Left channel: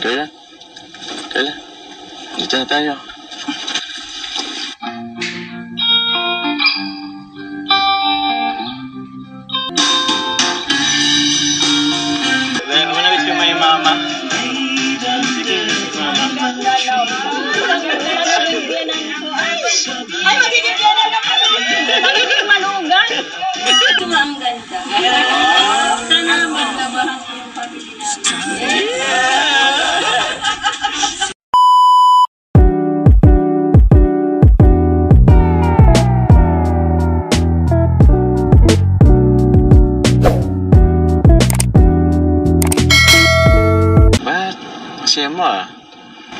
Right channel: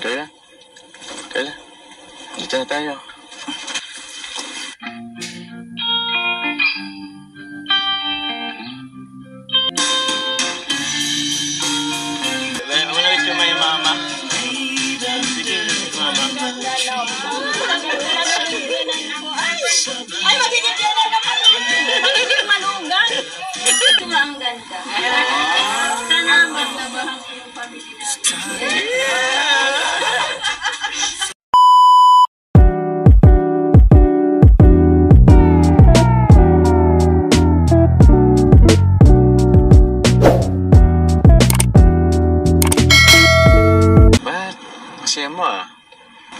Kaya? Dito na tayo. Manawit yung may mama. Sige, mama. Ay, magiging gano'n na kami! Magiging malugan! Ito ang ganda. Sana maglabahan ko yung family natin. Ba't? Kasi mo ah.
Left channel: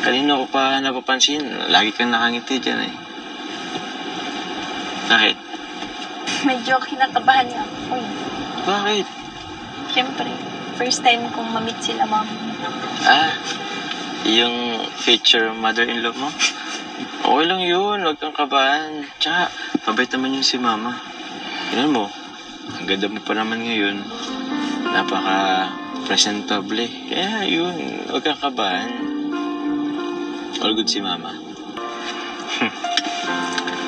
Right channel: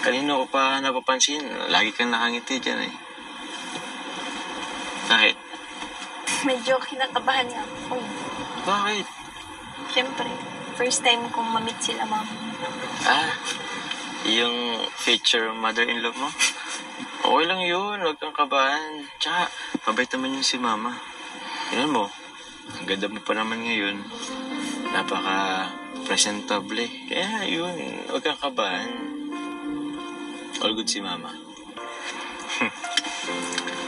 Kanina ko pa napapansin. Lagi kang nakangiti dyan eh. Bakit? Medyo kinakabahan niya ako. Bakit? Siyempre, first time kong ma-meet sila, ma'am. Ah, yung future mother-in-law mo? Okay lang yun, huwag kang kabahan. Tsaka, mabait naman yun si mama. Tignan mo, ang ganda mo pa naman ngayon. Napaka-presentable. Kaya yun, huwag kang kabahan. All good si mama.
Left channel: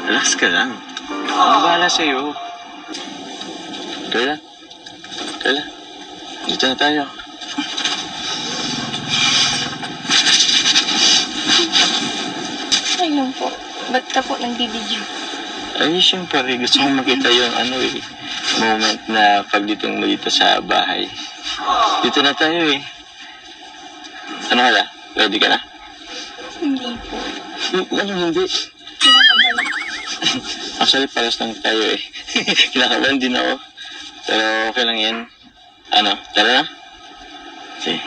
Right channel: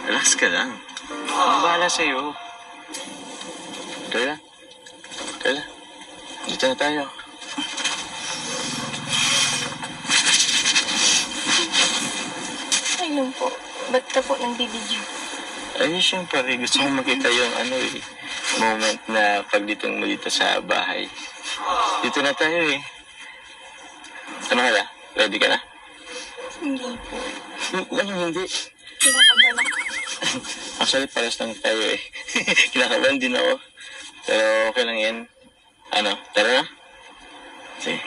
Relax ka lang. Ang bahala sa'yo. Kaya? Dito na tayo. Ayun po. Ba't ka po nag-video? Ay, siyempre, gusto kong makita yung moment na pagdating mo dito sa bahay. Dito na tayo eh. Ano kaya? Ready ka na? Hindi po. Hindi. Kinakabahan ako. Actually, paras lang tayo eh. Kinakabahan din ako. Pero okay lang yan. Ano, tara na? Sige.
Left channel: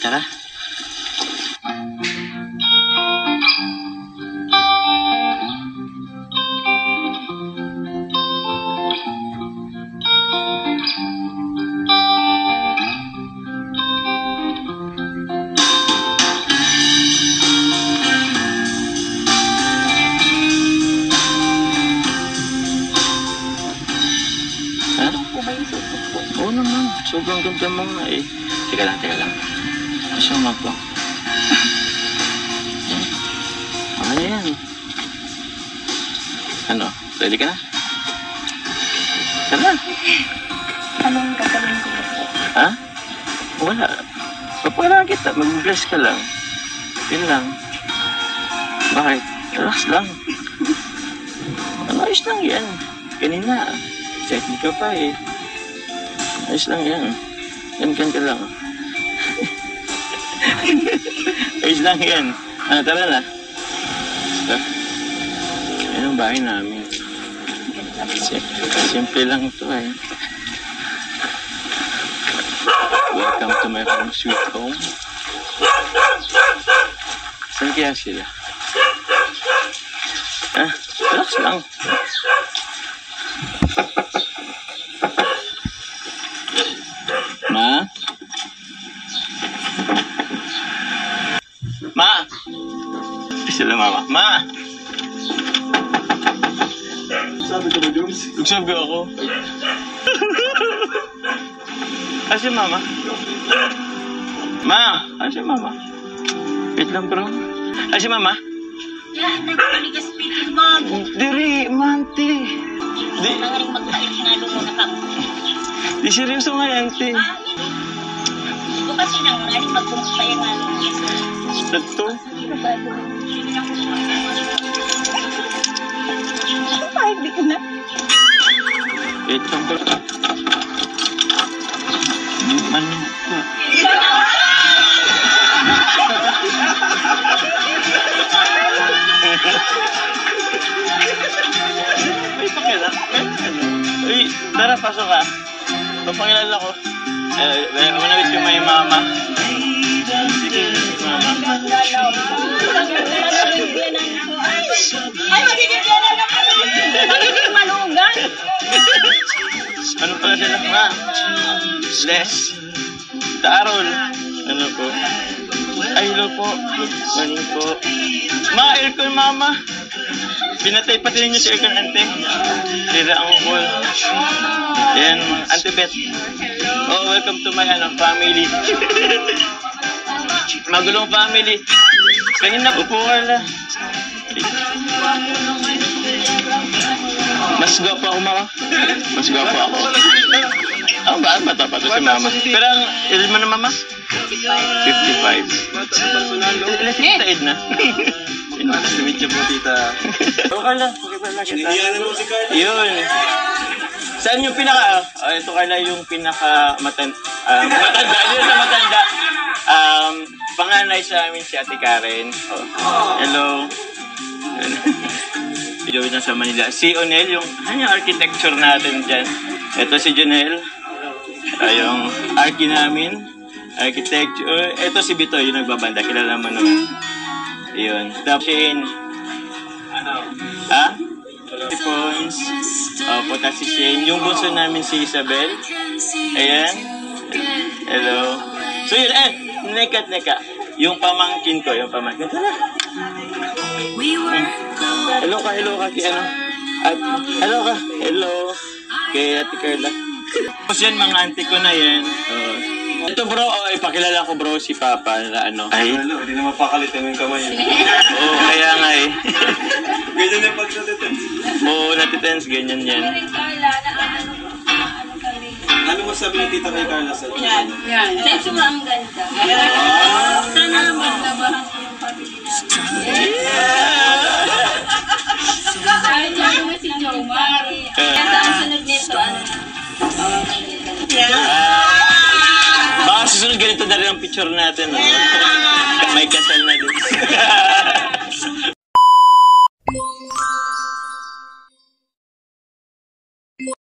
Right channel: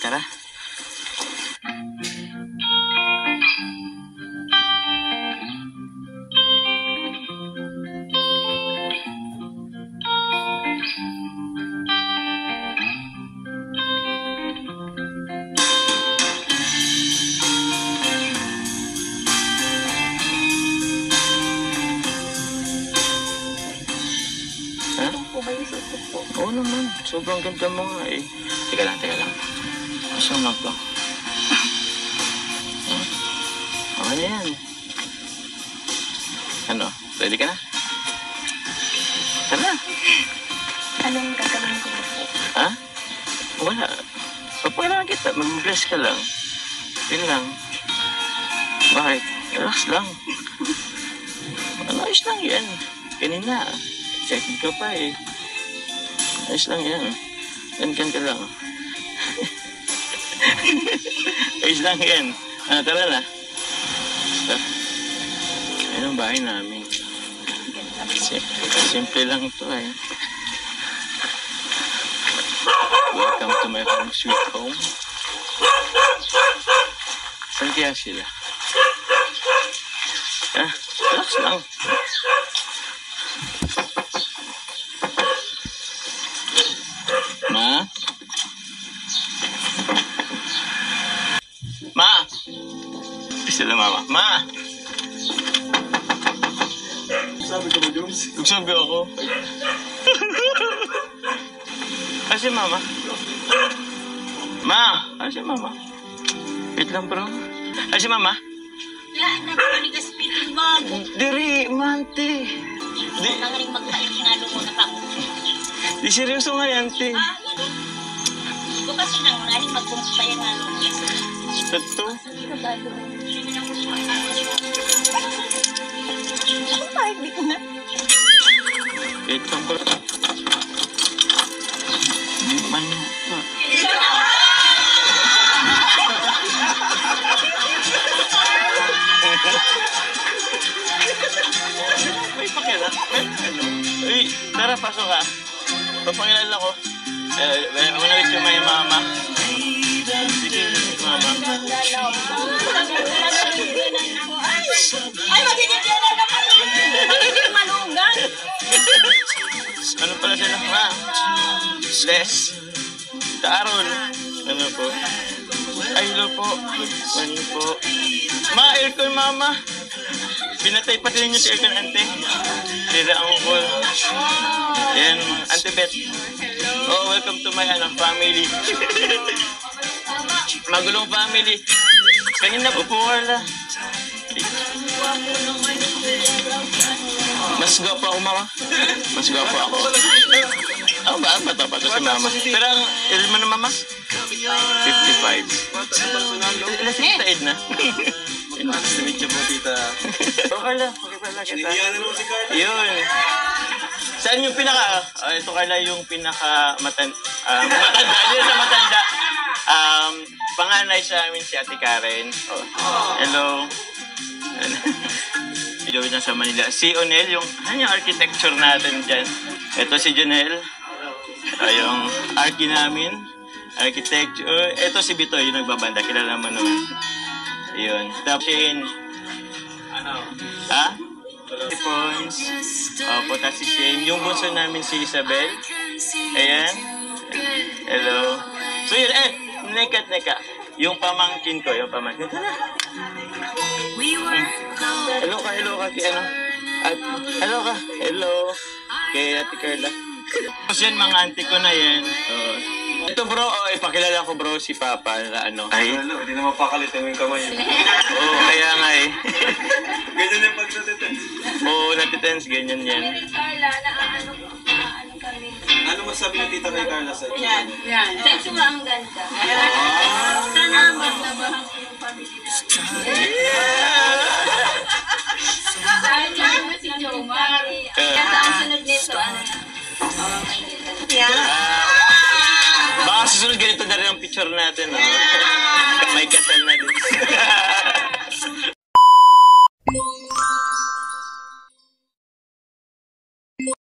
Tara. Po ba yung suso po? Oo naman, sobrang ganda mo nga eh. Teka lang. Gusto mo to? Okay na yan. Ano, ready ka na? Tara. Anong gagawin ko po? Ha? Wala. Papakailangan kita, mag-bless ka lang. Yun lang. Bakit? Relax lang. Ayos lang yan. Kanina, excited ka pa eh. Ayos lang yan. Yan ka lang. Ayos lang yan. Tara na. Yan ang bahay namin. Simple lang ito eh. Welcome to my home, sweet home. Saan kaya sila? Relax lang. Ma! Sila mama. Ma! Sabi ko ba, Jones? Nagsabi ako. Kasi mama. Ma! Kasi mama. Wait lang bro. Kasi mama. Nagpanigas pitin mo. Diri, mante. Nangaring magtayo nga mo na kamo. Di seryoso nga yan, te. Ito kasi nangaring magpumpay nga mo. Ito? Kabado. Ay, di ko na. Wait lang bro. Di man yun pa. Uy, pakila. Uy, tara, pasok ka. Papakilala ko. Manawit yung may mama. Sige, mama. Ay, magiging gano'n na kami! Magiging malugan! Ano pala sila? Ma? Les? Taarol? Ano po? Ay, hello po. Morning po. Ma, aircon mama. Pinatay pati ninyo si Erkan, ante. Sila ang call. Ayan, Ante Bet. Oh, welcome to my family. Magulong family. Kaya na, upo ka na. Mas gwapo ako, mama. Mas gwapo ako. Oh, ba? Bata pa to si mama. Pero ang ilan mo na, mama? 55. Ilas yung taid na. Simit niyo po, tita. Oh, Carla. Pakipala kita. Siniyan na naman si Carla. Yun. Saan yung pinaka... ito, Carla, yung pinaka matanda. Yun sa matanda. Panganay sa amin si Ate Karen. Oh. Hello. Gawin na sa Manila. Si Onel, yung architecture natin dyan. Ito si Janelle. Yung archi namin. Architecture. Ito si Bito, yung nagbabanda. Kilala mo naman. Yun. Tapos Shane. Ha? Si Pons. Opo, tapos si Shane. Yung bunso namin si Isabel. Ayan. Hello. So yun, neka. Yung pamangkin ko, Tara. Hello ka, kay ano? Hello. Kay Ate Carla. Tapos yun, mga auntie ko na yan. Ito bro, ipakilala ko bro si Papa na ano. Ay, Hindi na mapakalitin yung kamay. kaya nga eh. Ganyan yung pagsalitense. Natitense, ganyan yan. Carla, ano kami. Ano masabi ni tita kay Carla sa inyo? Yan. Sexy mo ang ganda. Sana maglabahan ko yung family natin. Dahil lang mo si Jomar. Kaya saan sunod nito? Baka susunod ganito na rin ang picture natin. May kasal na din.